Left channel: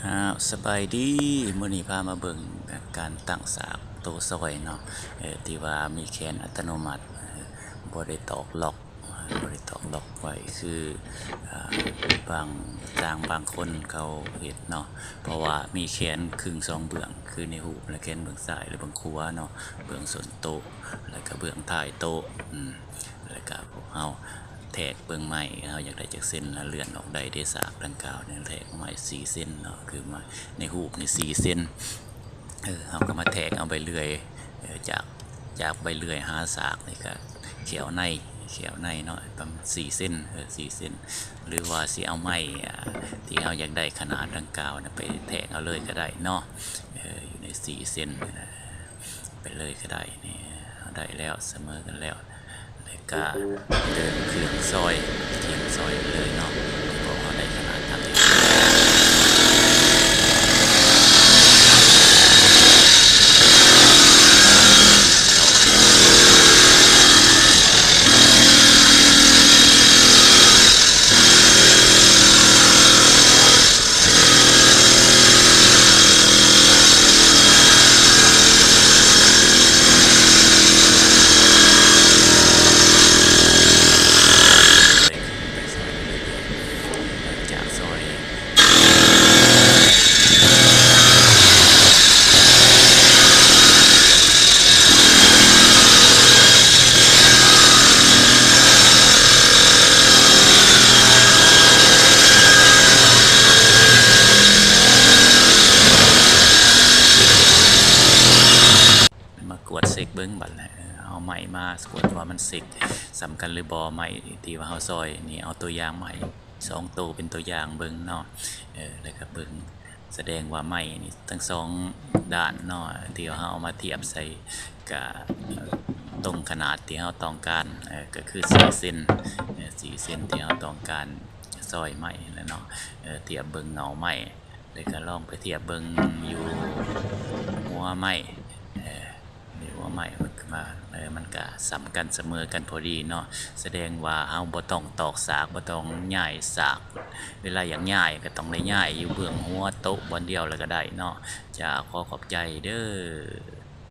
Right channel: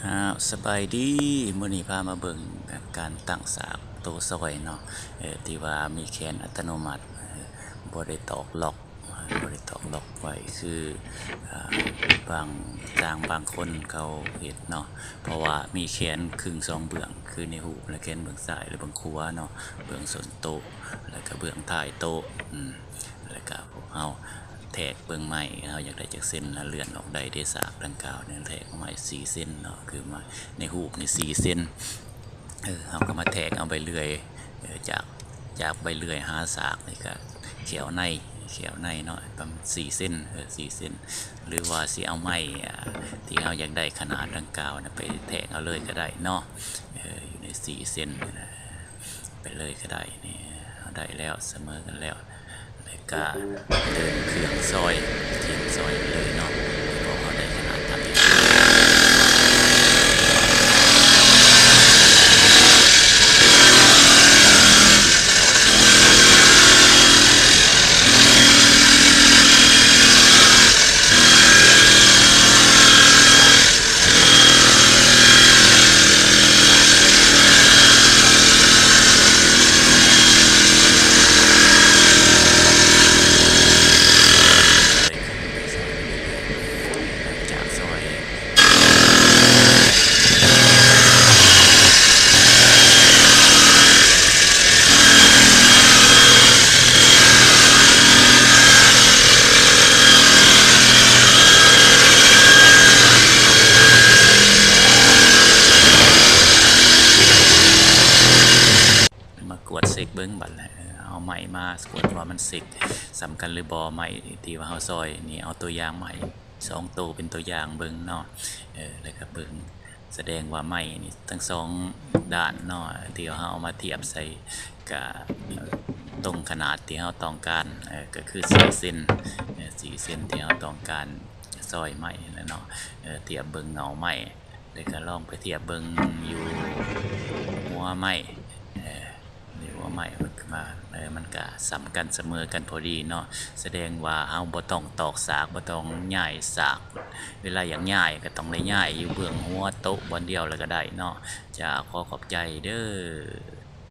สบายดีมื้อนี้พามาเบิ่งการตั้งฉากโต๊ะซอยเนาะที่ว่ามีแขนอัตโนมัติบ่ได้ตอกล็อกบ่ได้ตอกล็อกไว้คืออ่าบางบางคนเขาเฮ็ดเนาะเพราะว่ามีแขนครึ่ง2เบื้องคือในหูปและแขนเบื้องซ้ายและเบื้องขวาเนาะเบื้องส้นโต๊ะแล้วก็เบื้องท้ายโต๊ะแล้วก็พวกเฮาแทกเบิ่งไม้เฮาอยากได้จักเส้นแล้วเลื่อนออกได้ฉากดังกล่าวเนี่ยแทกไม้4เส้นเนาะคือไม้ในหูปนี่4เส้นเฮาก็มาแทกเอาใบเลื่อยจากใบเลื่อยหาฉากนี่ก็เขียวในเนาะประมาณ4เส้น4เส้นหรือว่าสิเอาไม้ที่เฮาอยากได้ขนาดดังกล่าวนะไปแทกเอาเลยก็ได้เนาะอยู่ใน4เส้นไปเลยก็ได้นี่ได้แล้วเสมอกันแล้วก็เดินเครื่องซอยเทียมซอยเลยเนาะเพราะเขาได้ขนาดทำที่ไปซอยเรื่อยๆหลังจากซอยมากวดเซ็กเบิ้งบัดแหละเอาไม้มากวดว่ามันเซ็กสำคัญหรือบอไม้ที่ว่าเฮาซอยนี่เอาตัวอย่างไม้2ตัวเป็นตัวอย่างเบิ้งเนาะแล้วก็เบิ้งแสดงว่าไม้นี่ทั้ง2ด้านเนาะที่เฮาเอามาเทียบใส่กับตรงขนาดที่เฮาต้องการก็คือ4เซน4เซนที่เฮาต้องการซอยไม้แล้วเนาะเทียบเบิ้งเงาไม้แล้วก็ลองไปเทียบเบิ้งอยู่หัวไม้หรือว่าไม้มันมามันก็สำกันเสมอกันพอดีเนาะแสดงว่าเฮาบ่ต้องตอกฉากบ่ต้องย้ายฉากเวลาอย่างย้ายก็ต้องได้ย้ายอยู่เบื้องหัวโต๊ะบอนเดียวแล้วก็ได้เนาะจะขอขอบใจเด้อ